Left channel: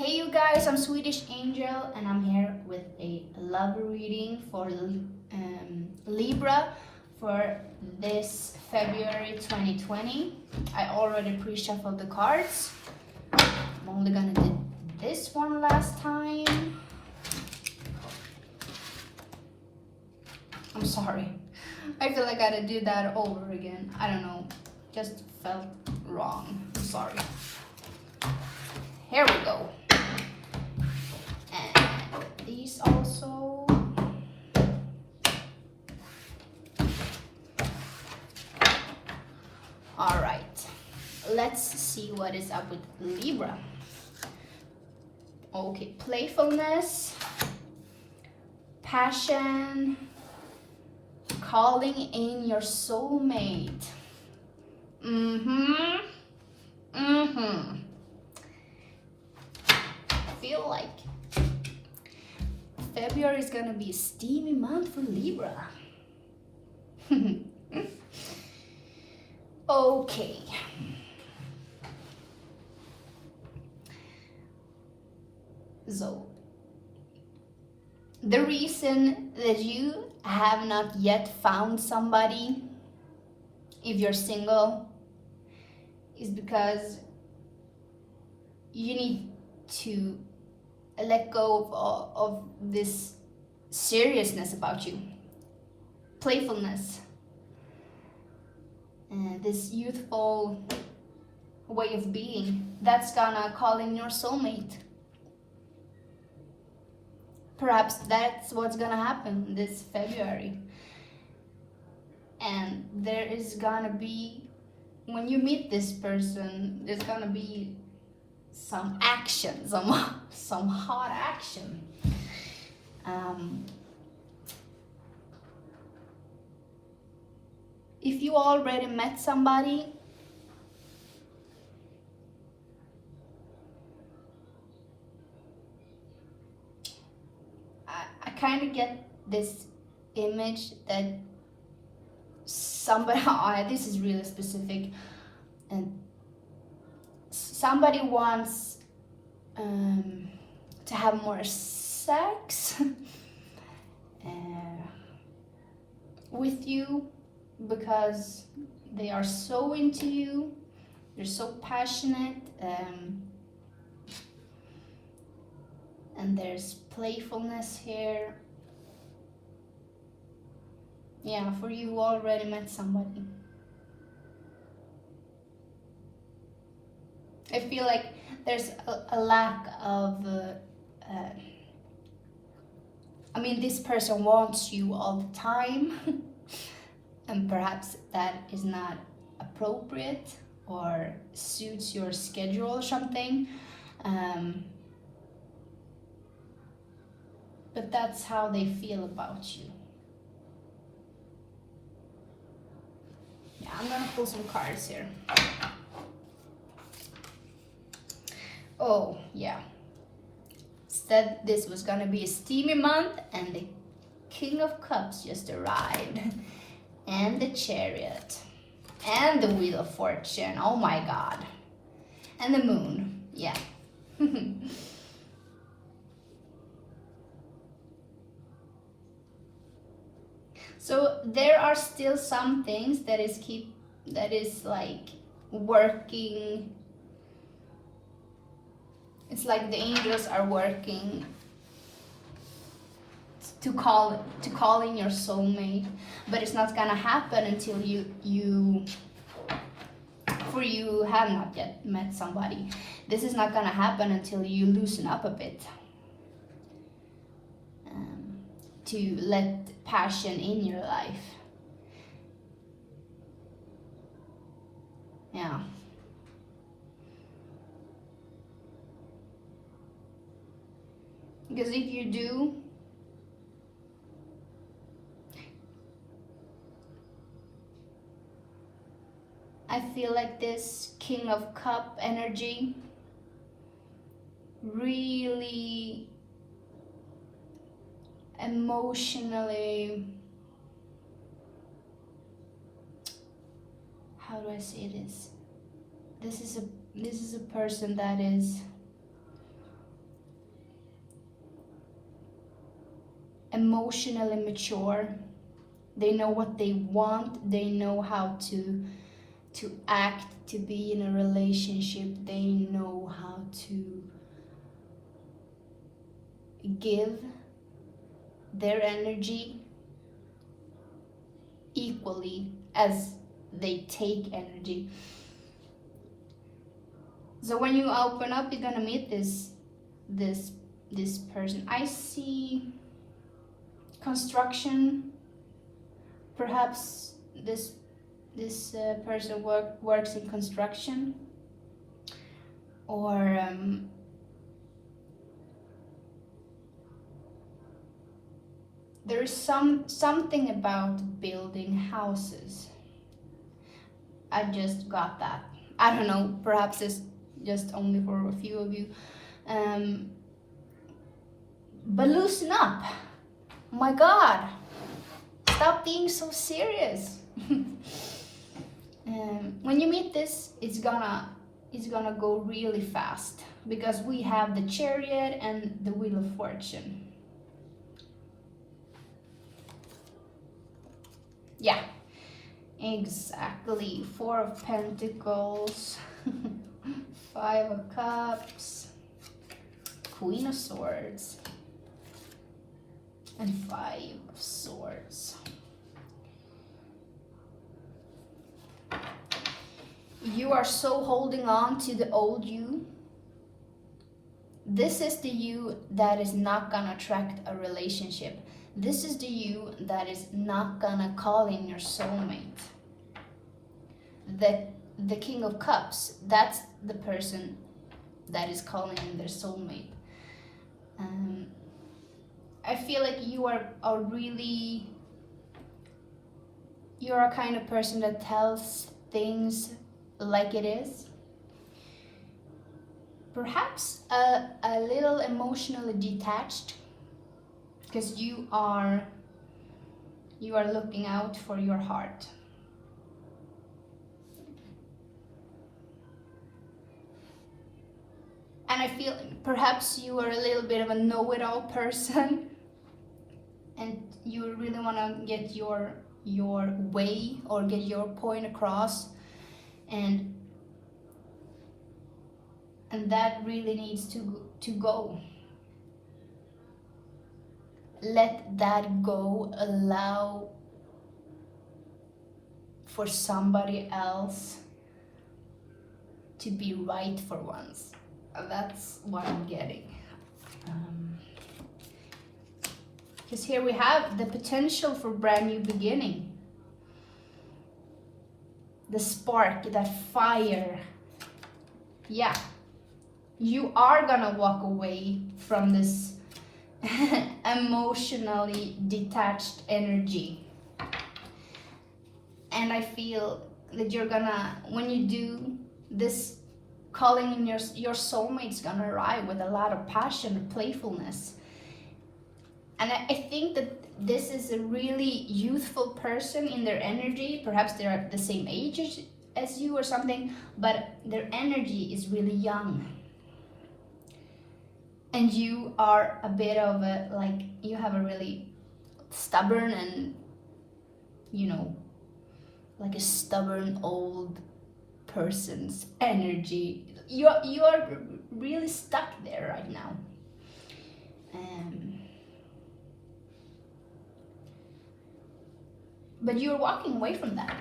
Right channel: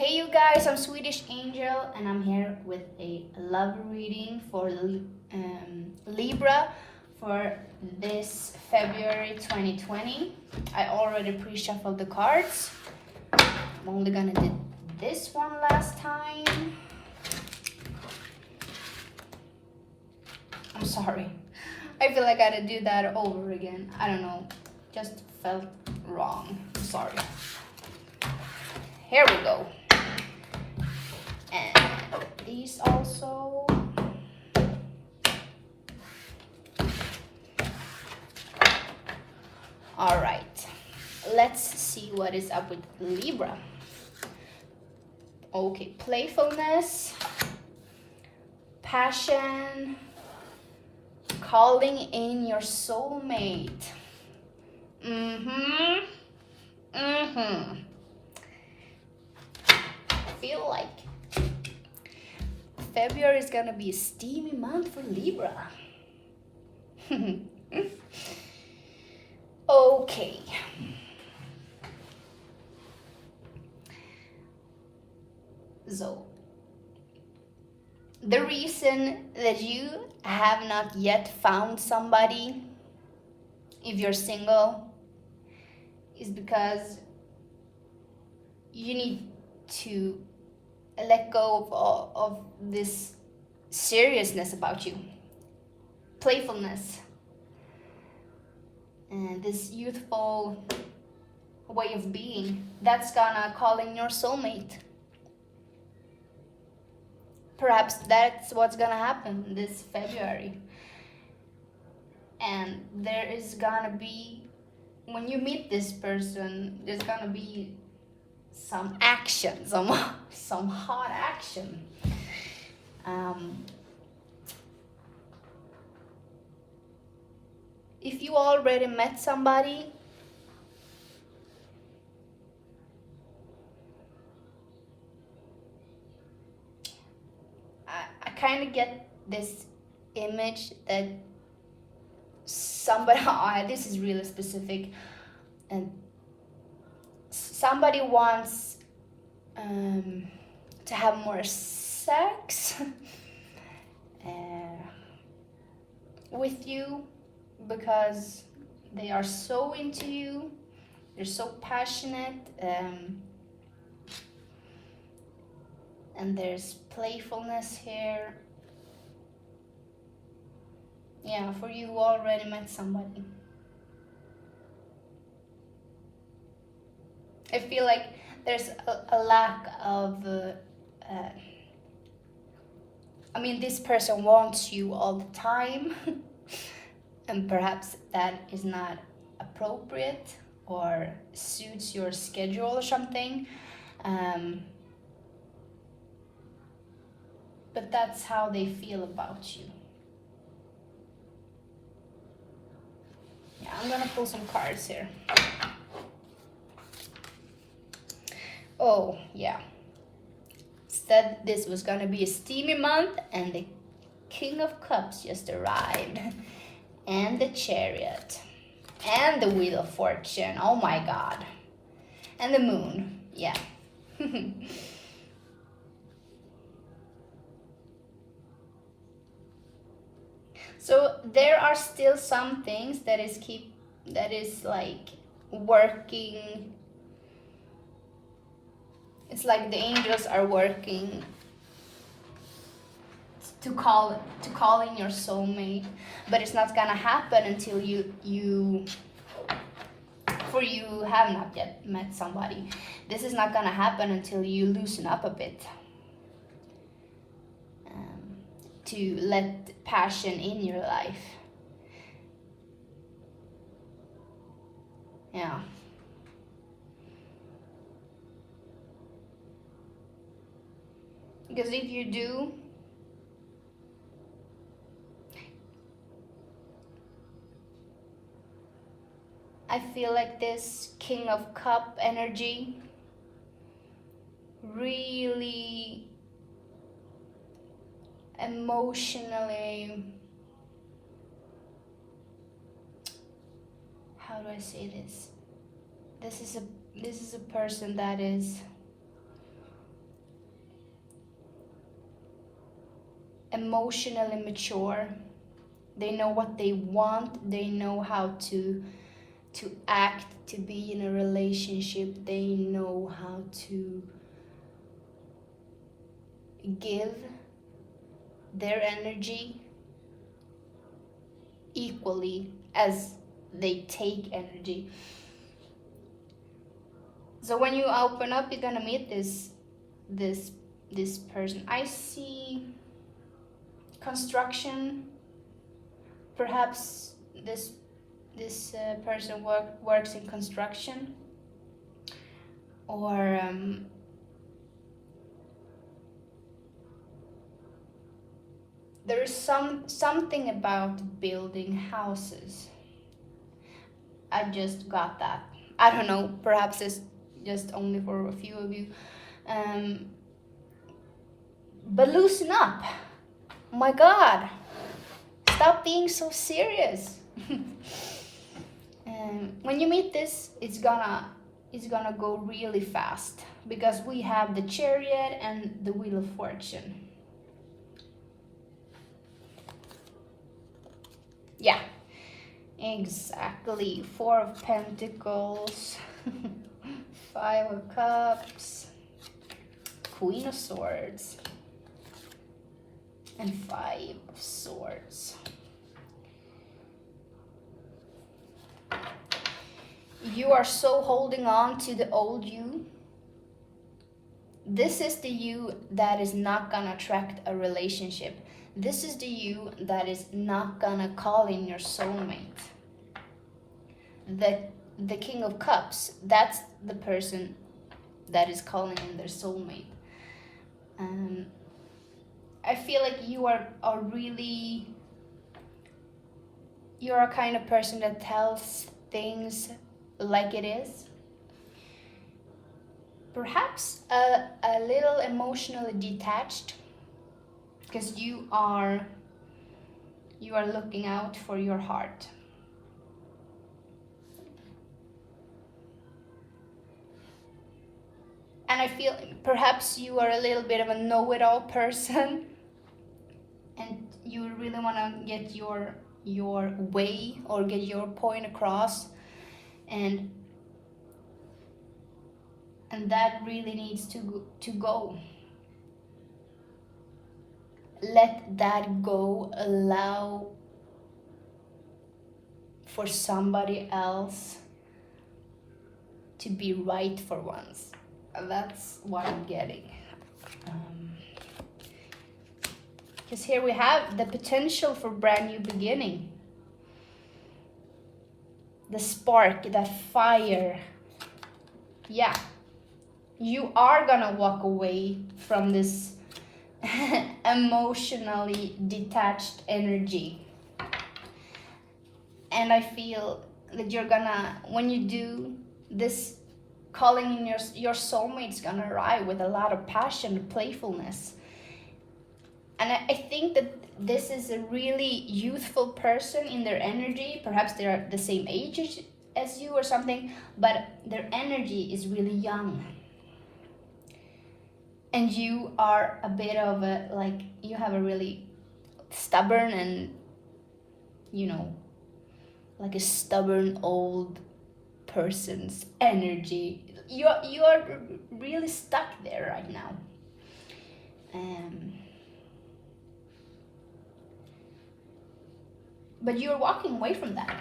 Hey you guys, I'm Swedish Angel and I'm here with a love reading for Libra for this February 2020. I already pre-shuffled the cards. I'm only gonna do this one last time. I'm sorry. I feel like I had to do that over again. I don't know. Just felt wrong. I'm sorry. Here we go. And these also. All right. Let's see what is up with Libra. Okay, playfulness, passion, calling in your soulmate. I feel like February is gonna be a steamy month for Libra. Okay. So, the reason that you have not yet found somebody, if you're single, is because you need to let go of this seriousness about you, playfulness, and this youthful way of being. That's gonna call in your soulmate. Perhaps that's what's gonna happen this February. And there is gonna be, when you meet this person, there's gonna be some action, some hot action. If you already met somebody, I kind of get this image that somebody, this is really specific, and somebody wants to have more sex with you because they are so into you, they're so passionate, and there's playfulness here. Yeah, for you who already met somebody. I feel like there's a lack of, this person wants you all the time, and perhaps that is not appropriate or suits your schedule or something. But that's how they feel about you. Yeah, I'm gonna pull some cards here. Oh, yeah. Said this was gonna be a steamy month, and the King of Cups just arrived. And the Chariot. And the Wheel of Fortune. Oh my God. And the Moon. Yeah. So there are still some things that is like working. It's like the angels are working to call in your soulmate, but it's not gonna happen until you have not yet met somebody. This is not gonna happen until you loosen up a bit, to let passion in your life. Yeah. Because if you do, I feel like this King of Cup energy really emotionally, how do I say this? This is a person that is emotionally mature. They know what they want. They know how to act, to be in a relationship. They know how to give their energy equally as they take energy. So when you open up, you're gonna meet this person. I see construction. Perhaps this person works in construction, or there is something about building houses. I just got that. I don't know. Perhaps it's just only for a few of you. But loosen up. Oh my God. Stop being so serious. When you meet this, it's gonna go really fast, because we have the Chariot and the Wheel of Fortune. Yeah, exactly. 4 of Pentacles, 5 of Cups, Queen of Swords, and 5 of Swords. You are so holding on to the old you. This is the you that is not gonna attract a relationship. This is the you that is not gonna call in your soulmate. The King of Cups, that's the person that is calling in their soulmate. I feel like you are you're a kind of person that tells things like it is. Perhaps a little emotionally detached, because you are looking out for your heart. And I feel perhaps you are a little bit of a know-it-all person, and you really want to get your way or get your point across, and that really needs to go. Let that go. Allow for somebody else to be right for once. That's what I'm getting. Because here we have the potential for brand new beginning. The spark, that fire. Yeah. You are gonna walk away from this emotionally detached energy. And I feel that you're gonna, when you do this, calling in your soulmate's gonna arrive with a lot of passion, playfulness. And I think that this is a really youthful person in their energy. Perhaps they're the same age as you or something, but their energy is really young. And you are a bit of you have a really stubborn and, like a stubborn old person's energy. You are really stuck there right now. But you're walking away from that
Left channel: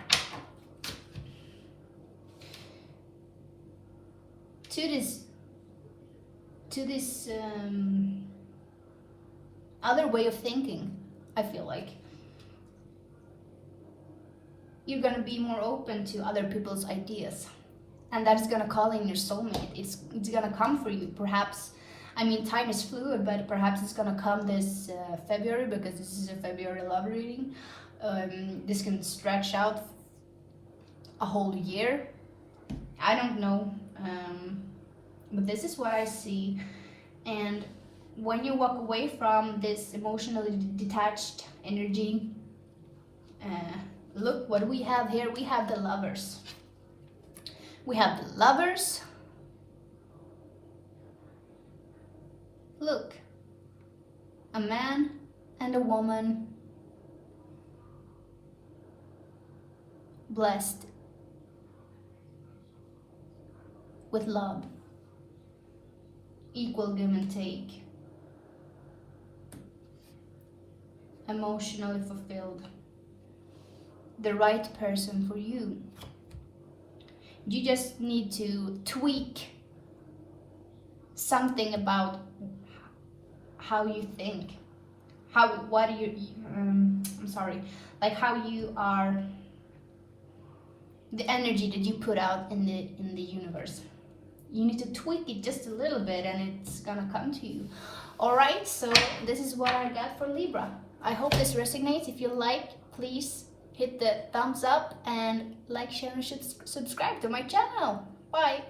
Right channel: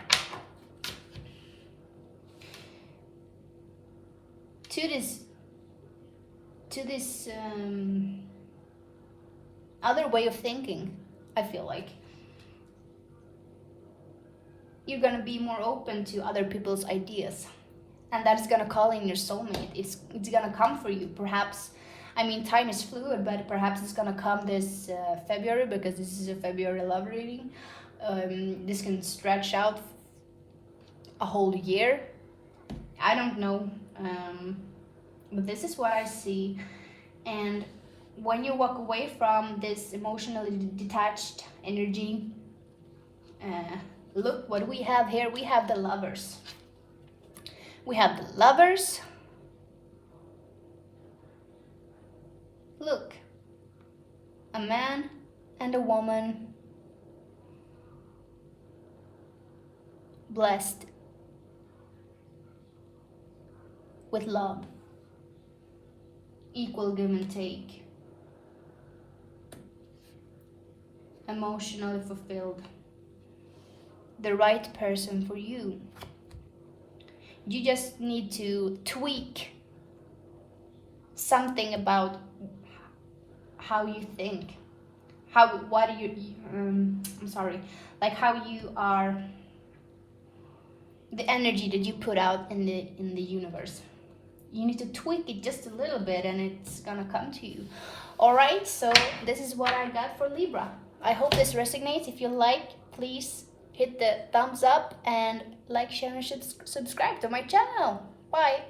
to this other way of thinking. I feel like you're gonna be more open to other people's ideas, and that's gonna call in your soulmate. It's gonna come for you. Perhaps, I mean, time is fluid, but perhaps it's gonna come this February, because this is a February love reading. This can stretch out a whole year. I don't know, but this is what I see. And when you walk away from this emotionally detached energy, look what we have here. We have the Lovers. We have the Lovers. Look, a man and a woman blessed with love, equal give and take, emotionally fulfilled, the right person for you. You just need to tweak something about how you think, like how you are, the energy that you put out in the universe. You need to tweak it just a little bit and it's gonna come to you. All right, so this is what I got for Libra. I hope this resonates. If you like, please hit the thumbs up and like, share, and subscribe to my channel. Bye.